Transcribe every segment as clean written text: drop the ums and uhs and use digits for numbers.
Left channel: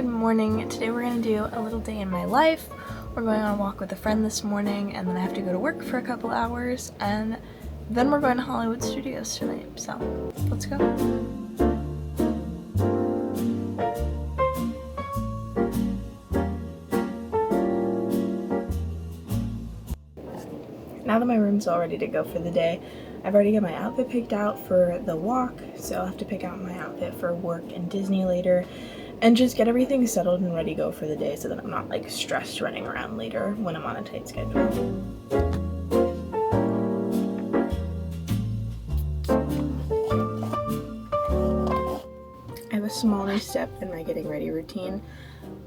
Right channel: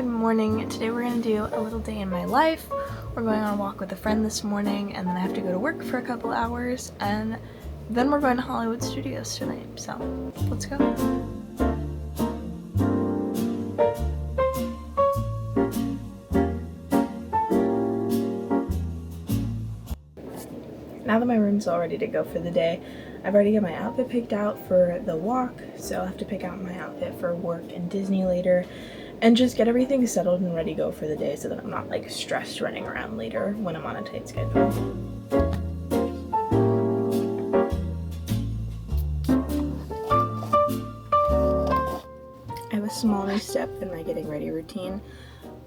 Good morning. Today we're going to do a little day in my life. We're going on a walk with a friend this morning, and then I have to go to work for a couple hours, and then we're going to Hollywood Studios tonight. So let's go. Now that my room's all ready to go for the day, I've already got my outfit picked out for the walk, so I'll have to pick out my outfit for work and Disney later and just get everything settled and ready to go for the day so that I'm not like stressed running around later when I'm on a tight schedule. I have a small new step in my getting ready routine,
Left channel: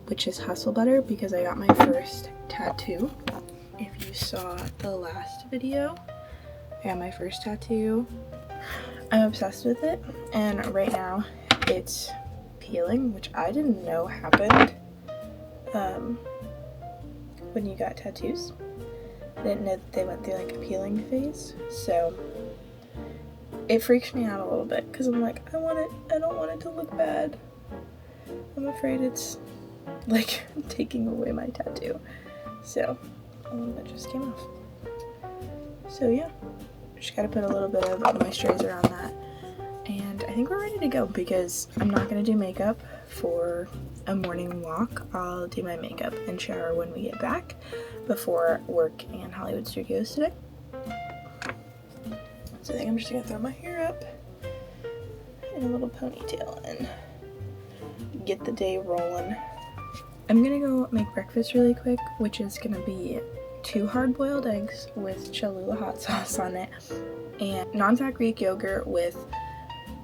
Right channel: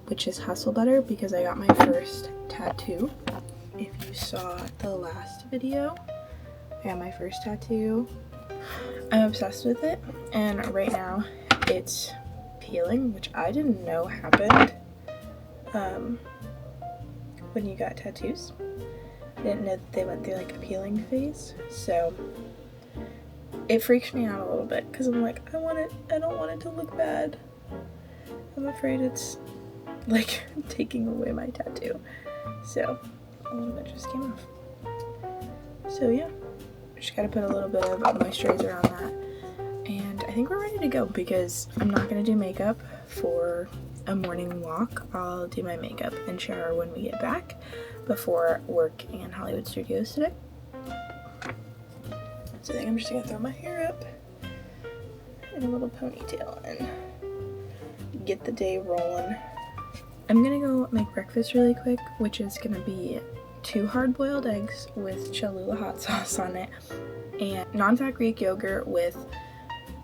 which is hustle butter, because I got my first tattoo. If you saw the last video, I got my first tattoo. I'm obsessed with it, and right now it's peeling, which I didn't know happened when you got tattoos. I didn't know that they went through like a peeling phase, so it freaks me out a little bit because I'm like, I don't want it to look bad. I'm afraid it's like taking away my tattoo. So a little bit just came off. So yeah, just gotta put a little bit of moisturizer on that. And I think we're ready to go because I'm not gonna do makeup for a morning walk. I'll do my makeup and shower when we get back before work in Hollywood Studios today. So I think I'm just gonna throw my hair up in a little ponytail and get the day rolling. I'm gonna go make breakfast really quick, which is gonna be 2 hard-boiled eggs with Cholula hot sauce on it and non-fat Greek yogurt with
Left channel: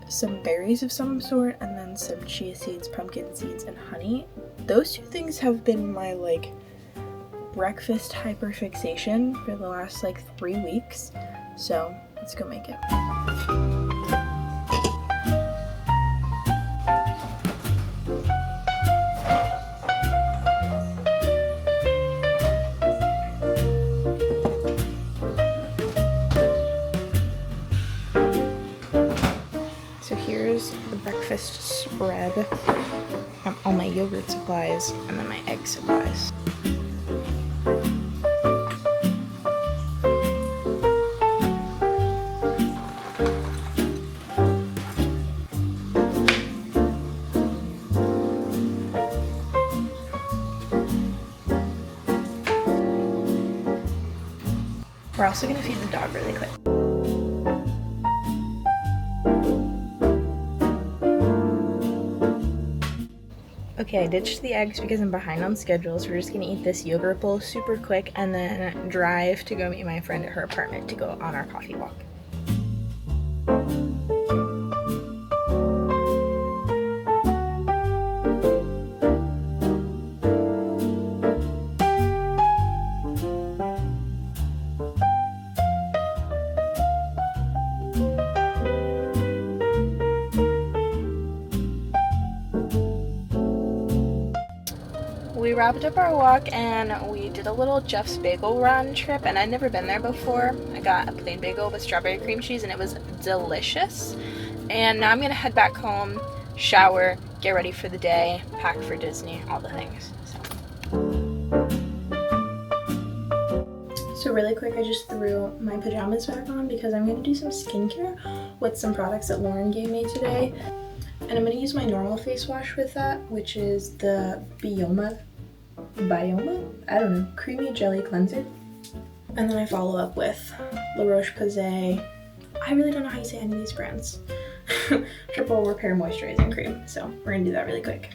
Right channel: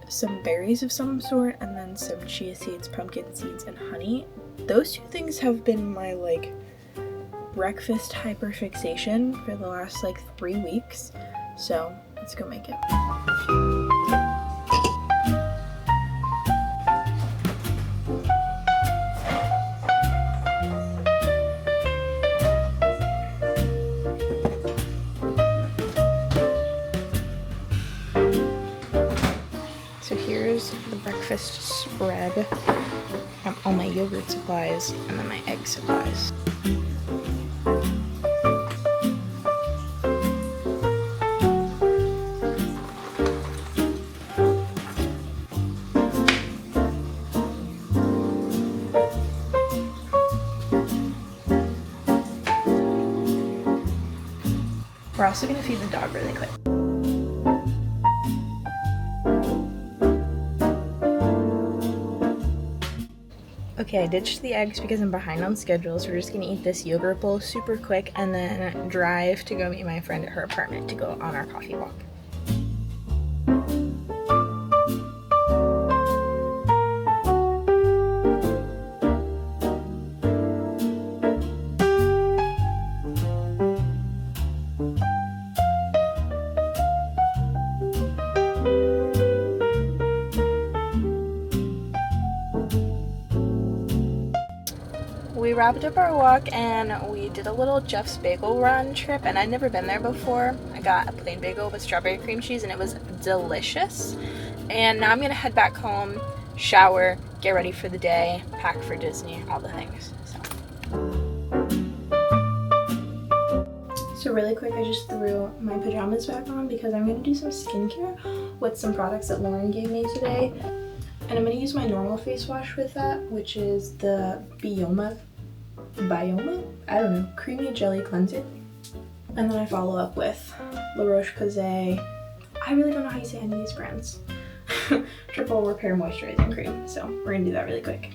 some berries of some sort and then some chia seeds, pumpkin seeds, and honey. Those 2 things have been my like breakfast hyperfixation for the last like 3 weeks. So let's go make it. So here's the breakfast spread. All my yogurt supplies and then my egg supplies. We're also gonna feed the dog really quick. Okay, I ditched the eggs because I'm behind on schedule, so we're just gonna eat this yogurt bowl super quick and then drive to go meet my friend at her apartment to go on our coffee walk. We wrapped up our walk and we did a little Jeff's Bagel Run trip, and I'd never been there before. I got a plain bagel with strawberry cream cheese and it was delicious. And now I'm gonna head back home, shower, get ready for the day, pack for Disney, all the things. So really quick, I just threw my pajamas back on because I'm gonna do some skincare with some products that Lauren gave me today. And I'm gonna use my normal face wash with that, which is the Bioma, I don't know, creamy jelly cleanser. And then I follow up with La Roche-Posay, I really don't know how you say any of these brands, triple repair moisturizing cream. So we're gonna do that really quick.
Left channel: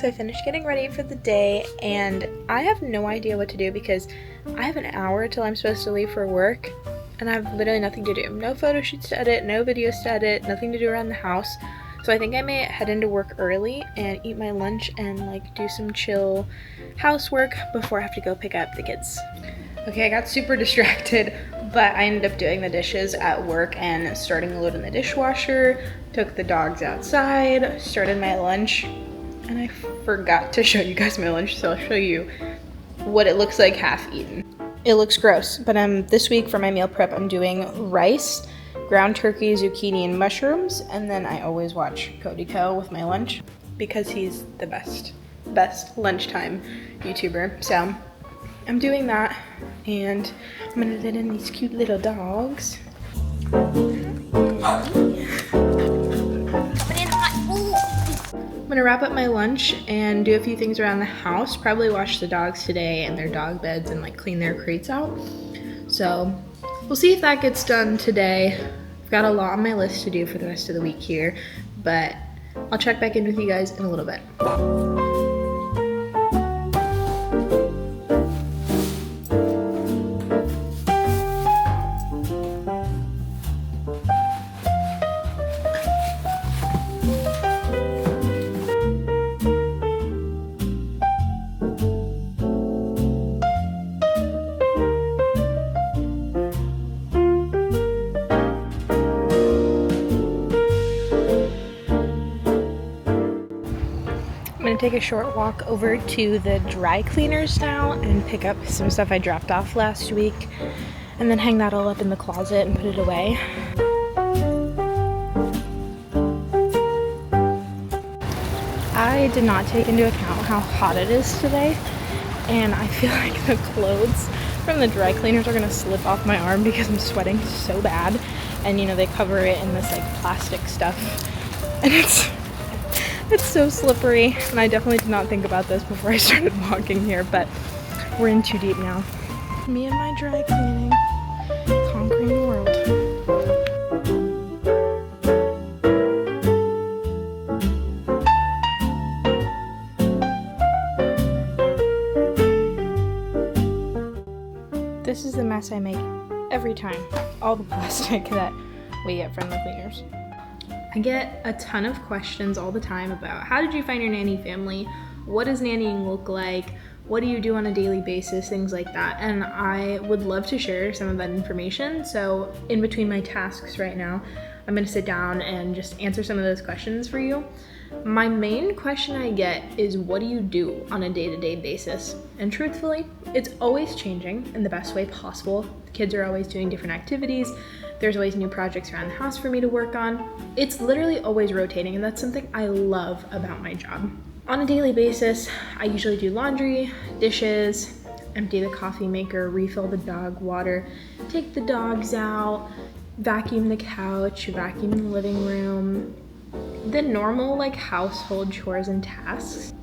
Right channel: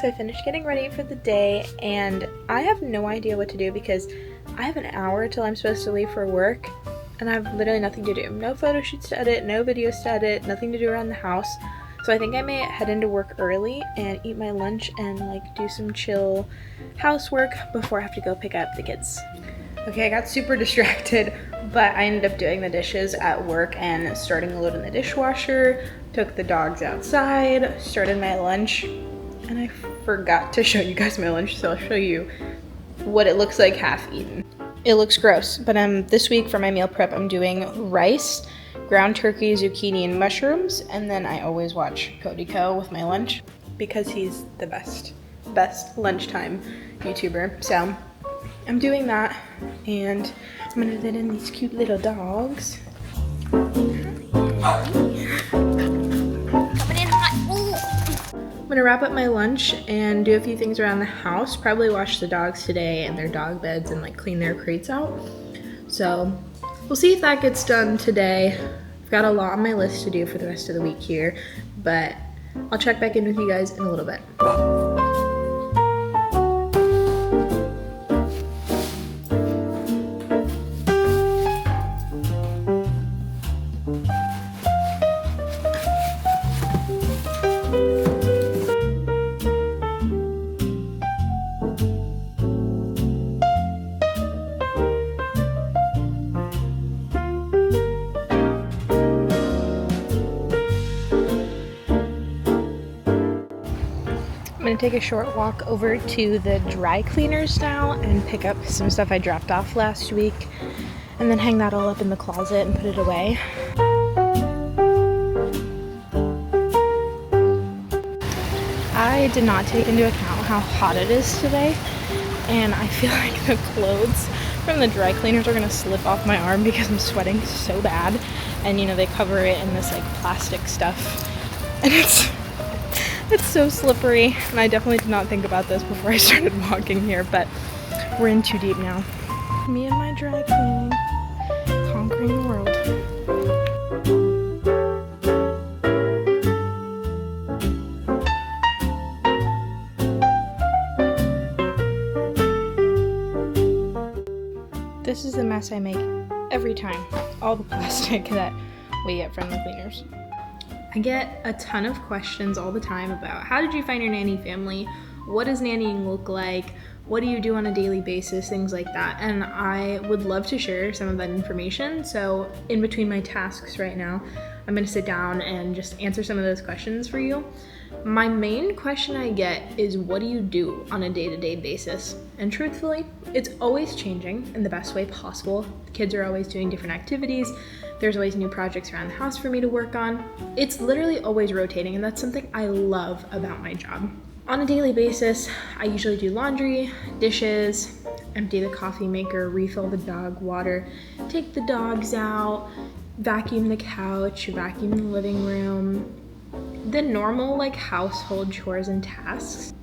So I finished getting ready for the day and I have no idea what to do because I have an hour till I'm supposed to leave for work and I have literally nothing to do. No photo shoots to edit, no videos to edit, nothing to do around the house. So I think I may head into work early and eat my lunch and like do some chill housework before I have to go pick up the kids. Okay, I got super distracted, but I ended up doing the dishes at work and starting a load in the dishwasher, took the dogs outside, started my lunch, and I forgot to show you guys my lunch, so I'll show you what it looks like half eaten. It looks gross, but this week for my meal prep, I'm doing rice, ground turkey, zucchini, and mushrooms, and then I always watch Cody Co with my lunch because he's the best lunchtime YouTuber. So I'm doing that, and I'm gonna let in these cute little dogs. I'm gonna wrap up my lunch and do a few things around the house. Probably wash the dogs today and their dog beds and like clean their crates out. So we'll see if that gets done today. I've got a lot on my list to do for the rest of the week here, but I'll check back in with you guys in a little bit. I'm gonna take a short walk over to the dry cleaners now and pick up some stuff I dropped off last week, and then hang that all up in the closet and put it away. I did not take into account how hot it is today, and I feel like the clothes from the dry cleaners are gonna slip off my arm because I'm sweating so bad, and you know, they cover it in this like plastic stuff, and it's so slippery, and I definitely did not think about this before I started walking here, but we're in too deep now. Me and my dry cleaning, conquering the world. This is the mess I make every time. All the plastic that we get from the cleaners. I get a ton of questions all the time about how did you find your nanny family? What does nannying look like? What do you do on a daily basis? Things like that. And I would love to share some of that information. So in between my tasks right now, I'm gonna sit down and just answer some of those questions for you. My main question I get is, what do you do on a day-to-day basis? And truthfully, it's always changing in the best way possible. The kids are always doing different activities. There's always new projects around the house for me to work on. It's literally always rotating, and that's something I love about my job. On a daily basis, I usually do laundry, dishes, empty the coffee maker, refill the dog water, take the dogs out, vacuum the couch, vacuum the living room, the normal like household chores and tasks.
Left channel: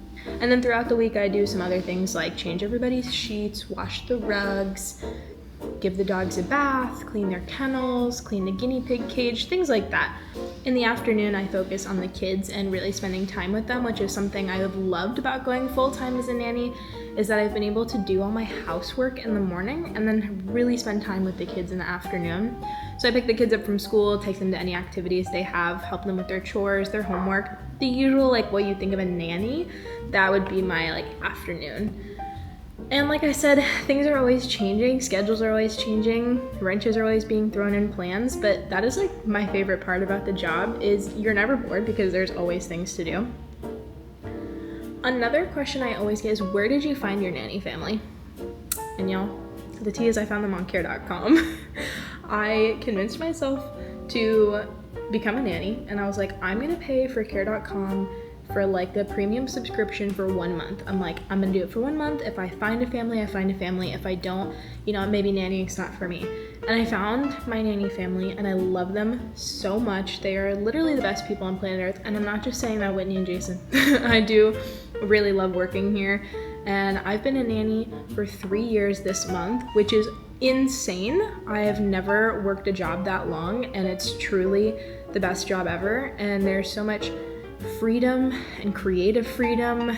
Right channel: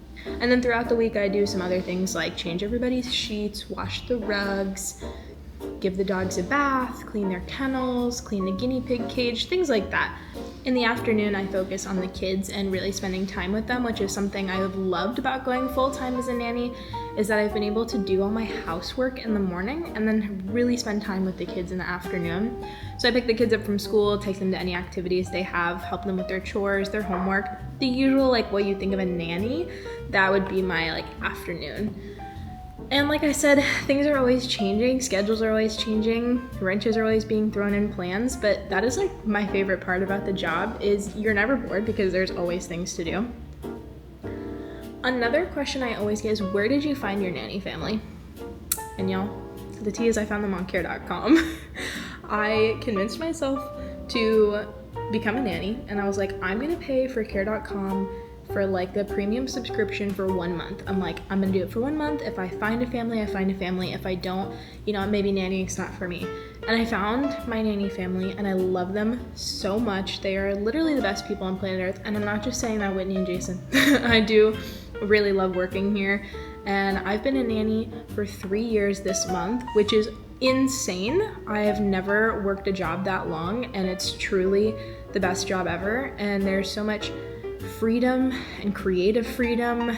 And then throughout the week, I do some other things like change everybody's sheets, wash the rugs, give the dogs a bath, clean their kennels, clean the guinea pig cage, things like that. In the afternoon, I focus on the kids and really spending time with them, which is something I have loved about going full-time as a nanny, is that I've been able to do all my housework in the morning and then really spend time with the kids in the afternoon. So I pick the kids up from school, take them to any activities they have, help them with their chores, their homework, the usual like what you think of a nanny. That would be my like afternoon. And like I said, things are always changing, schedules are always changing, wrenches are always being thrown in plans, but that is like my favorite part about the job is you're never bored because there's always things to do. Another question I always get is, where did you find your nanny family? And y'all, the tea is I found them on care.com. I convinced myself to become a nanny, and I was like, I'm gonna pay for care.com for like the premium subscription for 1 month. I'm like, I'm gonna do it for 1 month. If I find a family, I find a family. If I don't, you know, maybe nannying's not for me. And I found my nanny family and I love them so much. They are literally the best people on planet Earth. And I'm not just saying that, Whitney and Jason. I do really love working here. And I've been a nanny for 3 years this month, which is insane. I have never worked a job that long, and it's truly the best job ever. And there's so much freedom and creative freedom,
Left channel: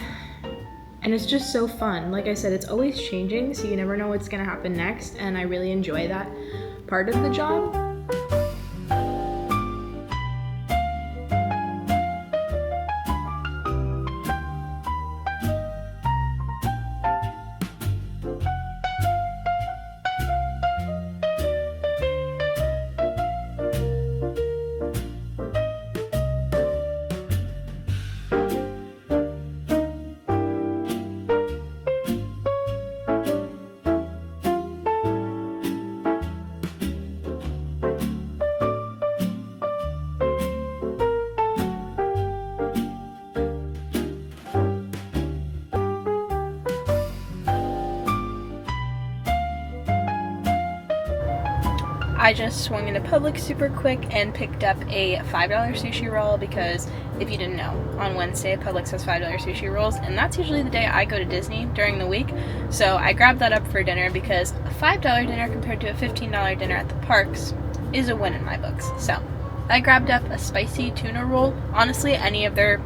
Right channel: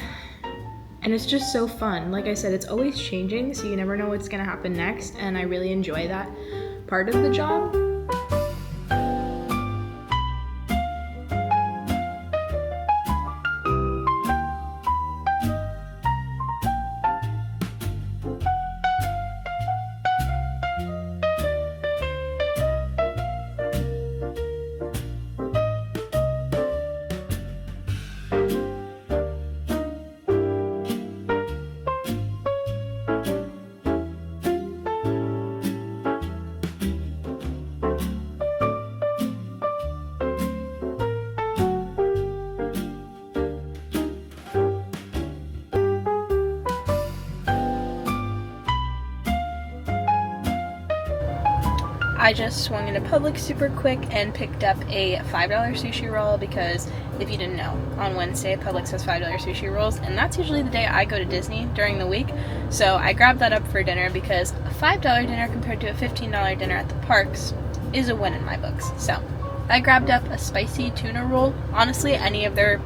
and it's just so fun. Like I said, it's always changing, so you never know what's gonna happen next, and I really enjoy that part of the job. I just swung into Publix super quick and picked up a $5 sushi roll because if you didn't know, on Wednesday Publix has $5 sushi rolls, and that's usually the day I go to Disney during the week. So I grabbed that up for dinner because a $5 dinner compared to a $15 dinner at the parks is a win in my books. So I grabbed up a spicy tuna roll. Honestly, any of their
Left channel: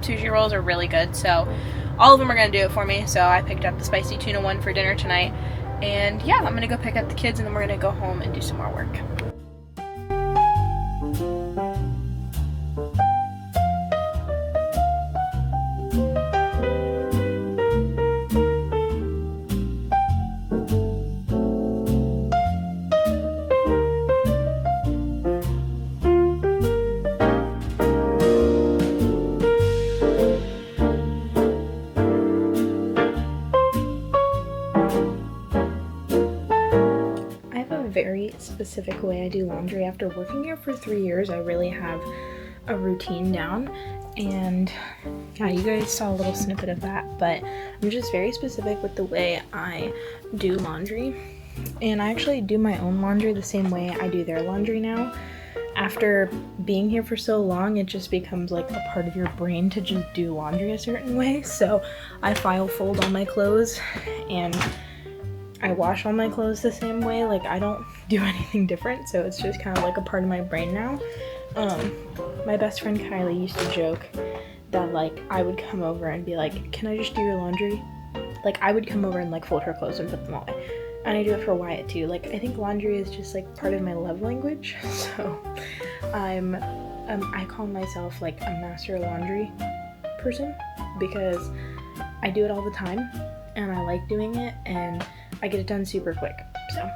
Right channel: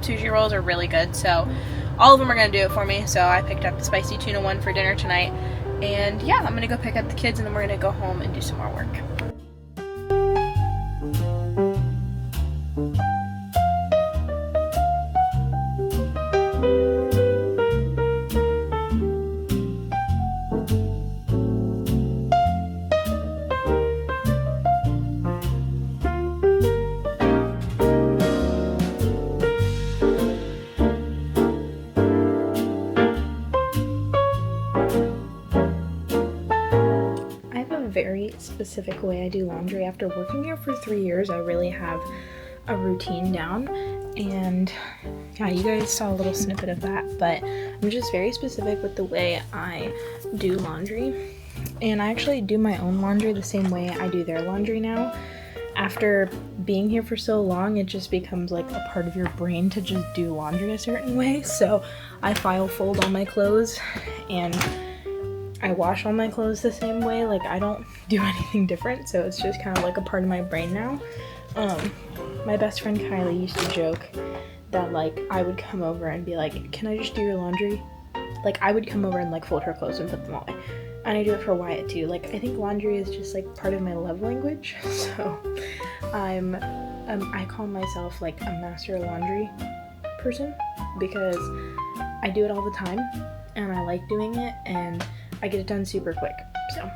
sushi rolls are really good, so all of them are going to do it for me. So I picked up the spicy tuna one for dinner tonight. And yeah, I'm going to go pick up the kids and then we're going to go home and do some more work. Very specific way I do laundry. After working here for 3 years, I really have a routine down, and yeah, you guys saw a little snippet of that, but I'm just very specific with the way I do laundry, and I actually do my own laundry the same way I do their laundry now. After being here for so long, it just becomes like a part of your brain to just do laundry a certain way. So I file fold all my clothes and I wash all my clothes the same way. Like, I don't do anything different, so it's just kind of like a part of my brain now. My best friend Kylie used to joke that, like, I would come over and be like, can I just do your laundry? Like, I would come over and, like, fold her clothes and put them away. And I do it for Wyatt, too. Like, I think laundry is just, like, part of my love language. So, I call myself, like, a master laundry person because I do it all the time, and I like doing it, and I get it done super quick, so.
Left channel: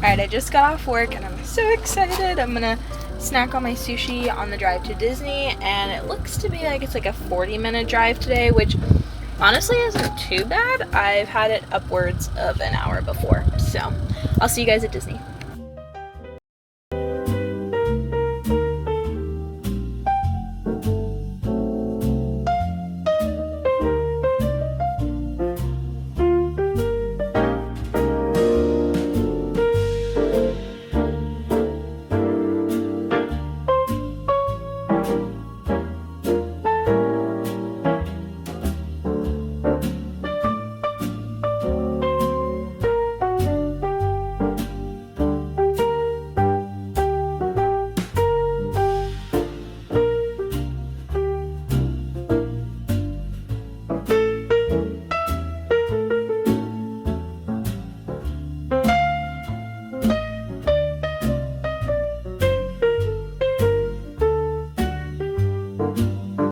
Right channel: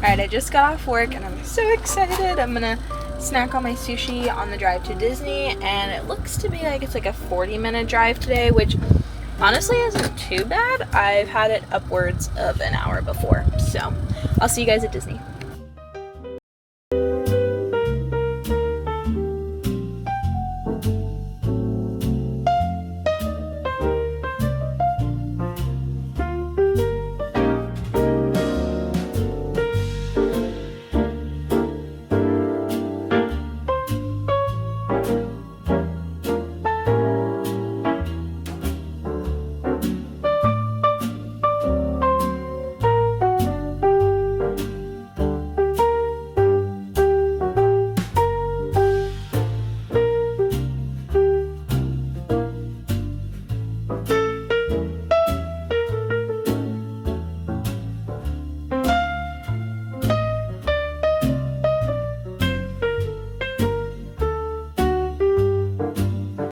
Alright, I just got off work and I'm so excited. I'm gonna snack on my sushi on the drive to Disney, and it looks to be like it's like a 40-minute drive today, which honestly isn't too bad. I've had it upwards of an hour before, so I'll see you guys at Disney.